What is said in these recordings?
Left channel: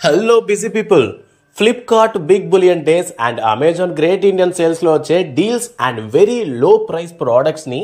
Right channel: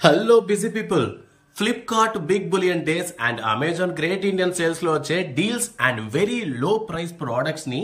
Hello busy people, Flipkart big billion days and Amazon great Indian sales లో వచ్చే deals and very low price products ని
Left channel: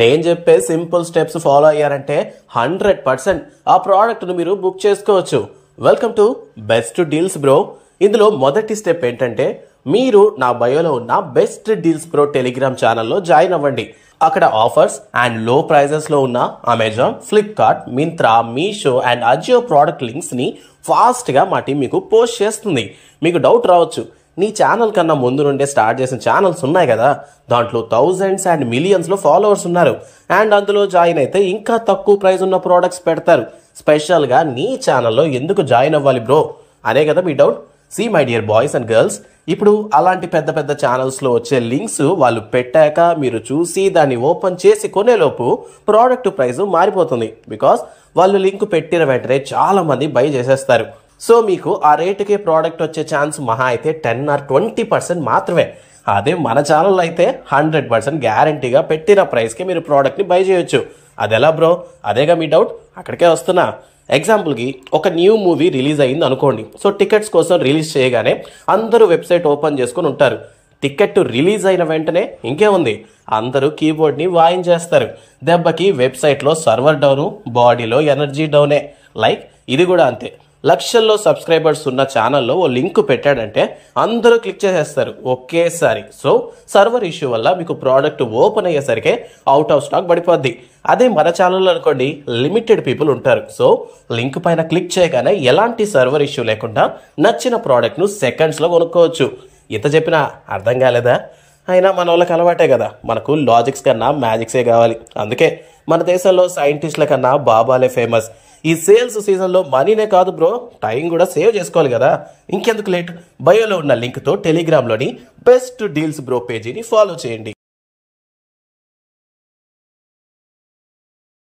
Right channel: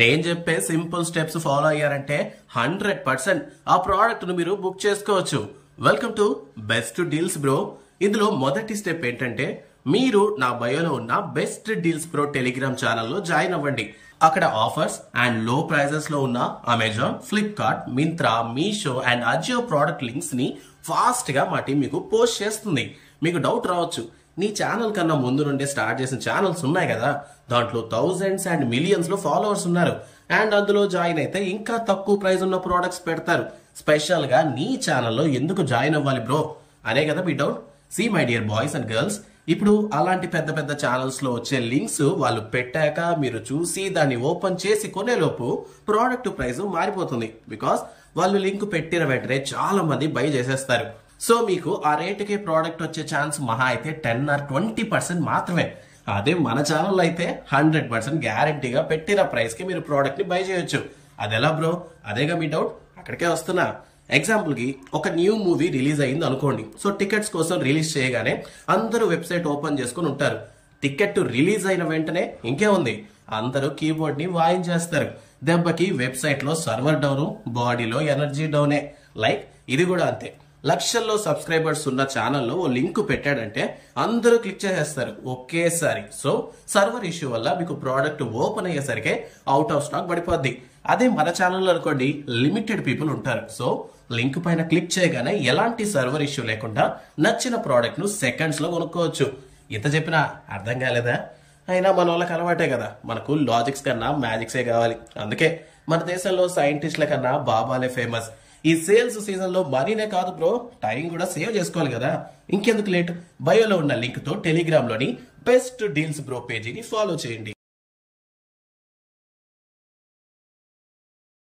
నేను చెప్పే simple steps follow అయ్యారంటే 100% ఆ ప్రోడక్ట్ ను మీరు బుక్ చేసుకోవచ్చు. Welcome to best deals bro. ఇందులో మొదటి స్టెప్ ఏంటంటే మీరు నా బయోలో ఉన్న బెస్ట్ డీల్స్ బ్రో టెలిగ్రామ్ ఛానల్లో జాయిన్ అవ్వండి. అక్కడ ఆఫర్స్ అండ్ లో ప్రైజెస్ లో ఉన్న Amazon, Flipkart, Myntra, Meesho and Ajio product links ని ఫాస్ట్ గా మా టీం మీకు పోస్ట్ చేస్తుంది. మీకు డౌట్ రావచ్చు, నీ ఛానల్ కన్నా ముందు నుండే స్టార్ట్ చేసిన ఛానల్స్ ఉన్నాయి కదా, దాంట్లో థౌజండ్స్ అండ్ మిలియన్స్ లో ఫాలోవర్స్ ఉన్నారు అండ్ అందులో జాయిన్ అయితే ఇంకా తక్కువ ప్రైస్ ఉన్న ప్రోడక్ట్స్ పెడతారు. స్పెషల్ గా నీ ఛానల్లో ఎందుకు జాయిన్ అవ్వాలి బ్రో అనే కదా మీ doubt. See my dear boys and girls, ఇప్పుడు అలాంటి పెద్ద పెద్ద ఛానల్స్ లో వచ్చే లింక్స్ వాళ్ళు పెట్టాక మీరు చూసి దాన్ని ఓపెన్ చేసి కొనేలోపు ప్రోడక్ట్ ప్రైస్ మారిపోతుంది. బికాస్ వాళ్ళు లింక్ పెట్టిన వెంటనే చాలా మంది బై చేసేస్తారు. సో మీకు ఆ రేటుకే ప్రోడక్ట్ వచ్చే ఛాన్స్ మహా అయితే 10 or 20% మాత్రమే. అదే మన ఛానల్ అయితే 100% గ్యారంటీగా పెట్టిన ప్రైస్ కి మీరు ప్రోడక్ట్ ని బై చేయొచ్చు. అదెలా బ్రో? అదేగా మీ డౌట్, అక్కడికే వస్తున్నా. ఎగ్జాంపుల్ కి ఒక న్యూ మూవీ రిలీజ్ అయింది అనుకోండి. సో టికెట్స్ కోసం రిలీజ్ చేయగానే అందరూ వెబ్సైట్ ఓపెన్ చేసుకుని ఉంటారు. టికెట్ రిలీజ్ అయిన వెంటనే ఇంకే ఉంది, అందరూ కీబోర్డ్ ని వాయించేస్తారు. దెబ్బకి వెబ్సైట్ లో సర్వర్ డౌన్, బాడీలో ఎనర్జీ డౌనే. లైక్ ఇది కూడా అంతే. లక్షల్లో సబ్స్క్రైబర్స్ ఉన్న ఛానల్లో ఓ లింక్ పెట్టాడంటే అందరూ క్లిక్ చేసేస్తారు ఒకేసారి. సో సర్వర్ ఇష్యూ వల్ల మీకు ప్రోడక్ట్ ఓపెన్ అయ్యేసరికి అవుట్ ఆఫ్ స్టాక్ పడిపోద్ది. అదే మన ఛానల్లో అనుకోండి, లిమిటెడ్ పీపుల్ ఉంటారు. సో లింక్ పైన క్లిక్ చేయగానే ఎలాంటి సర్వర్ ఇష్యూ లేకుండా నచ్చిన ప్రోడక్ట్ ను సెకండ్స్ లో కొనుక్కోవచ్చు. ఇంత చెప్పినా అర్థం కాలేదా? అయినా మన వాళ్ళకి అలవాటే కదా, మనకు లాజిక్స్ కన్నా మ్యాజిక్సే కావాలి. అందుకే మన దేశంలో సైంటిస్టుల కన్నా బాబాలే ఫేమస్. ఈ సేల్స్ సీజన్ లో మనీనే కాదు బ్రో, టైం కూడా సేవ్ చేసుకోవాలి కదా. ఇంకెందుకు లేట్, బయోలో ఉన్న లింక్ తో టెలిగ్రామ్ లోని బెస్ట్ డీల్స్ బ్రో పేజీని ఫాలో చేయండి.